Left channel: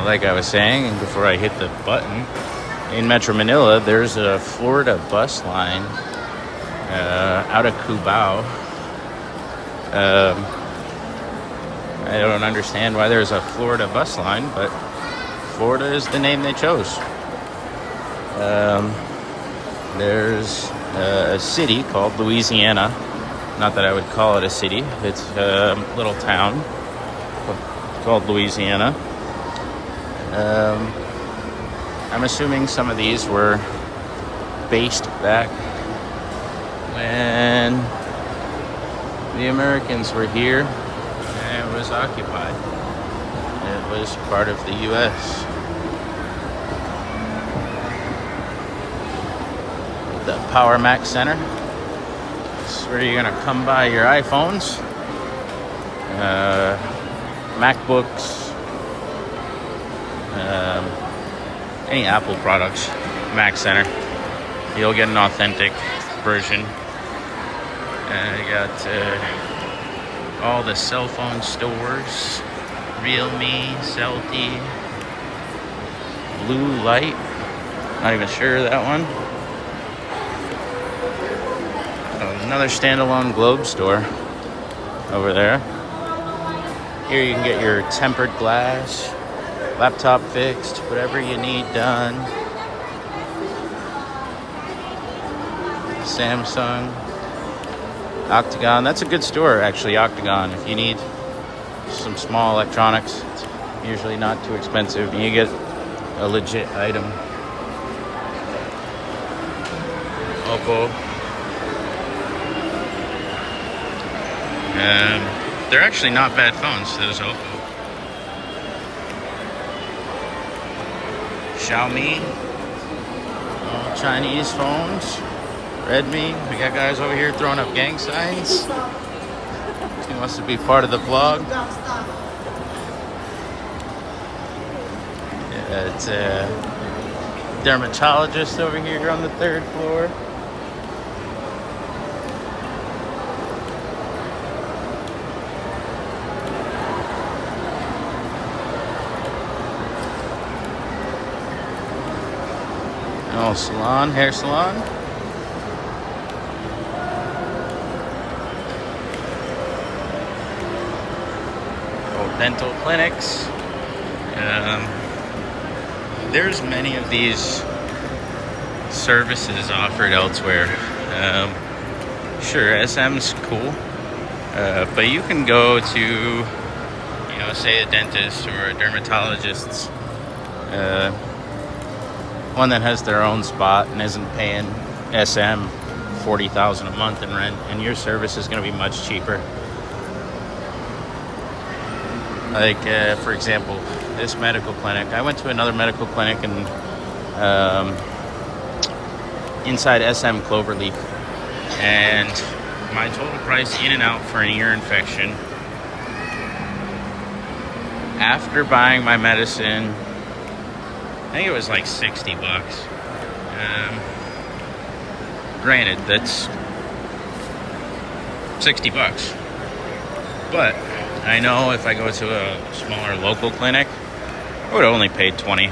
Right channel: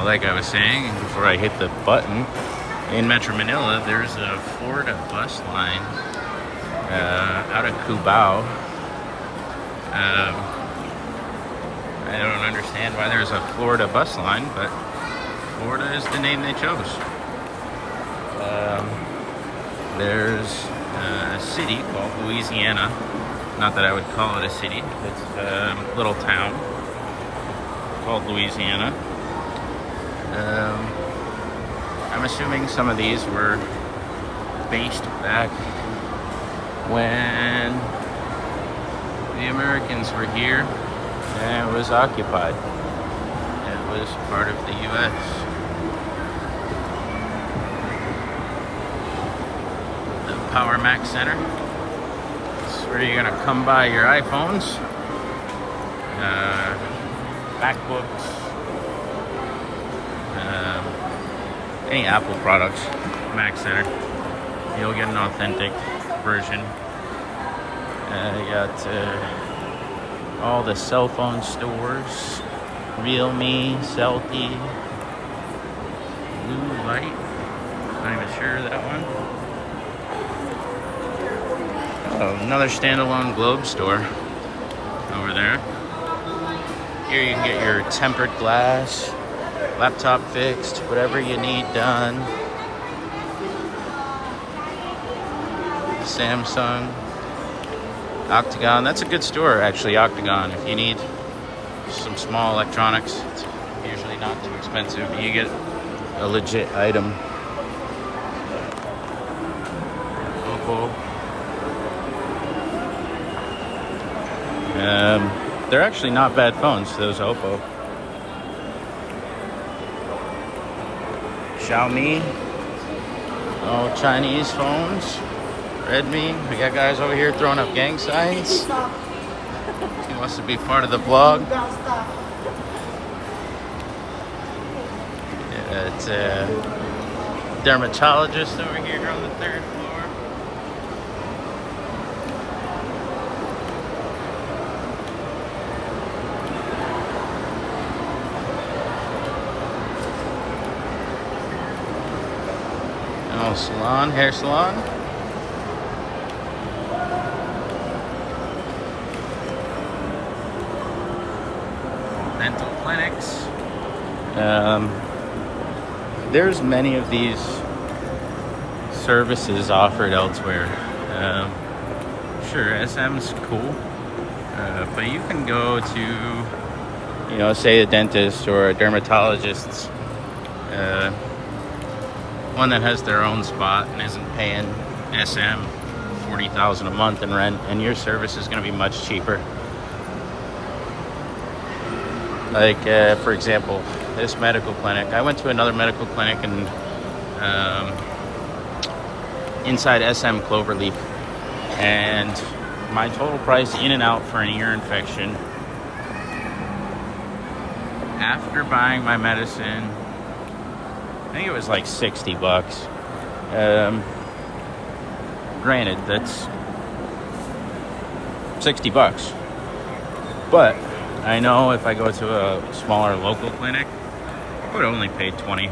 Well, like I was saying before I hit the button, in Metro Manila, there's a Florida bus line out of Cubao. I don't understand why there's a Florida bus line, but Florida is the name they chose. There's a city called Louisiana. Not that I would call it a city. It's a little town called Louisiana. I'm assuming some of these were based back when the Americans were here and it was occupied. It was part of the U.S. The Power Mac Center. This is where you're gonna come by your iPhones, MacBooks, any Apple products. Mac Center. You'll get an authentic version. You got all the cell phone stores. Realme, Celti, Blue Light. Not even sure of that one. Oh, another standalone Globe store over there. Here you can get your tempered glass, laptop fixed, whatever you need done. Samsung, Octagon. That's a good store, actually, Octagon. If you need some small electronics, it's usually not too expensive, and you get a legit item. Oppo. They're actually not bad phones, those Oppo. Xiaomi. All Chinese phones. Redmi. We got guys over here throwing up gang signs. He wants to be part of the vlog. Yeah, it's a dermatologist over here on the 3rd floor. Oh, salon, hair salon. Oh, dental clinics. There's many of these services offered elsewhere. Sure, SM's cool, but you can go to, say a dentist or a dermatologist's. One that has their own spot and isn't paying SM $40,000 a month in rent, and your service is going to be much cheaper. Like, for example, this medical clinic. I went to another medical clinic and inside SM Cloverleaf, and my total price in and out for an ear infection after buying my medicine, I think it was like $60. Granted, that's $60. But I know if I go to a smaller local clinic, I would only pay $20.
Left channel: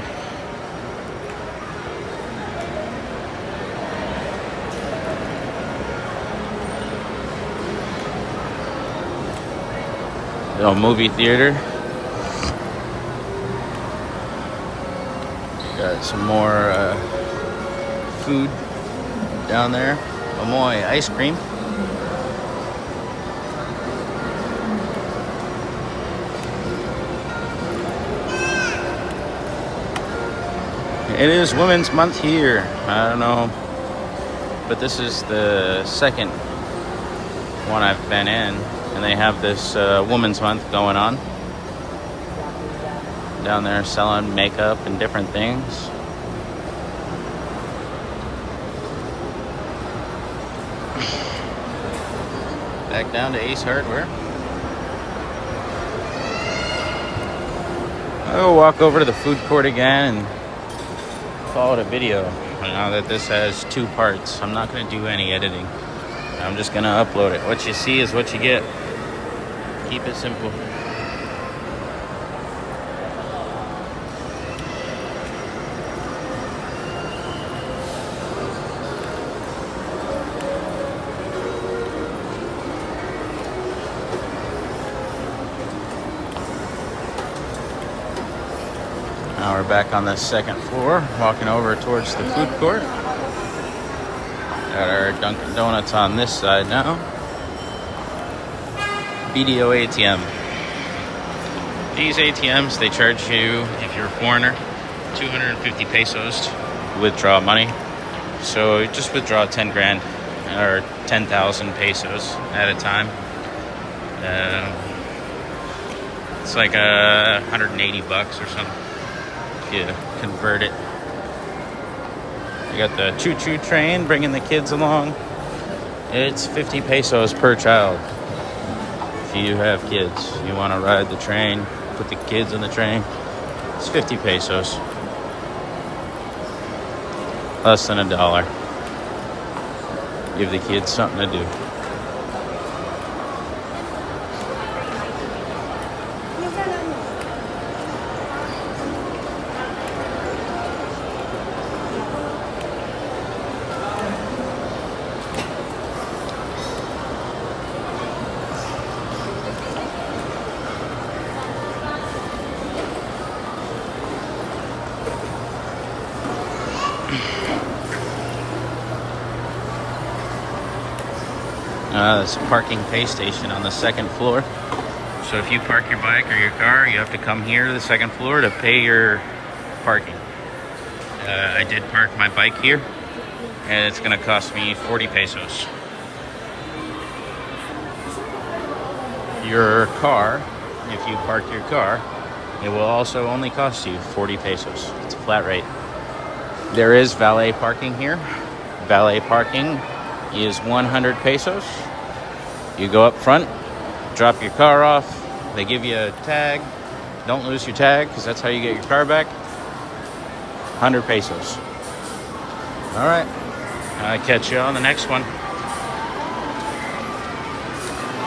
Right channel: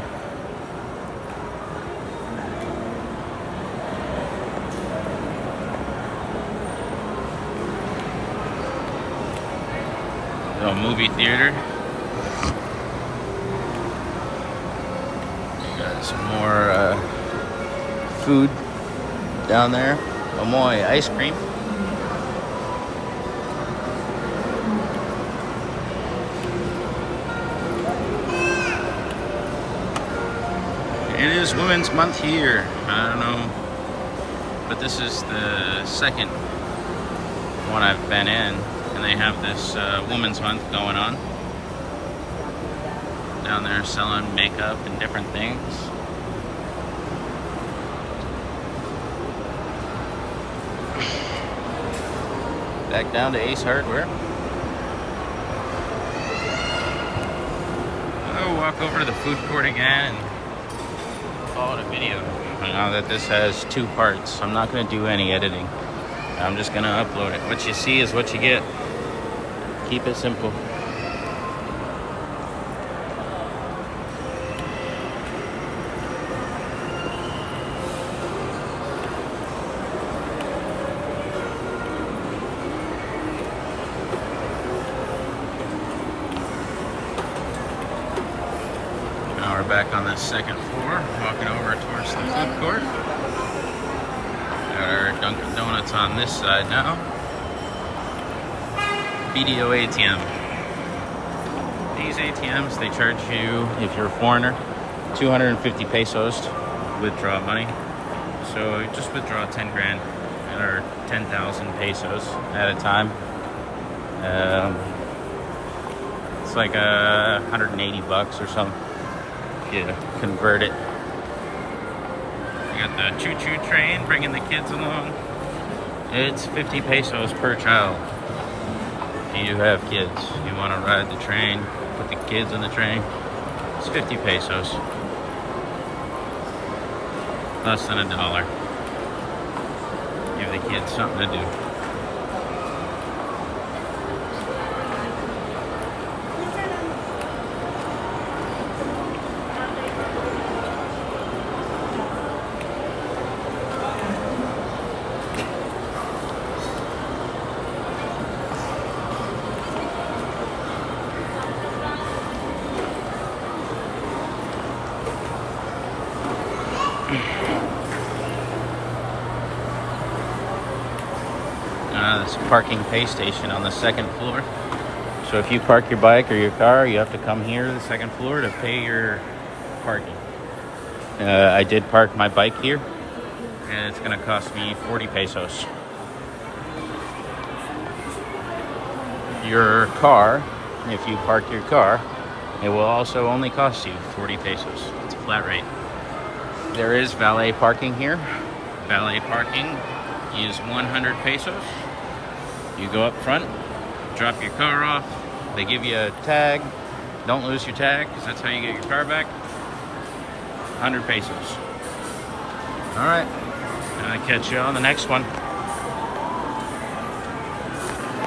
Little movie theater. Got some more food down there. Amoy ice cream. It is Women's Month here. I don't know, but this is the second one I've been in, and they have this Women's Month going on. Down there selling makeup and different things. Back down to Ace Hardware. I'll walk over to the food court again and call it a video. Now that this has 2 parts, I'm not going to do any editing. I'm just going to upload it. What you see is what you get. Keep it simple. Now we're back on the second floor, walking over towards the food court. Got our Dunkin' Donuts on this side now. BDO ATM. These ATMs, they charge you, if you're a foreigner, 250 pesos to withdraw money. So just withdraw 10 grand or 10,000 pesos at a time. It's like 180 bucks or something if you convert it. You got the choo-choo train bringing the kids along. It's 50 pesos per child. If you have kids, you want to ride the train, put the kids on the train, it's 50 pesos. Less than $1. Give the kids something to do. This parking pay station on the second floor. So if you park your bike or your car, you have to come here to the second floor to pay your parking. I did park my bike here, and it's going to cost me 40 pesos. Your car, if you park your car, it will also only cost you 40 pesos. It's a flat rate. There is valet parking here. Valet parking is 100 pesos. You go up front, drop your car off, they give you a tag. Don't lose your tag, because that's how you get your car back. 100 pesos. All right, I'll catch you on the next one.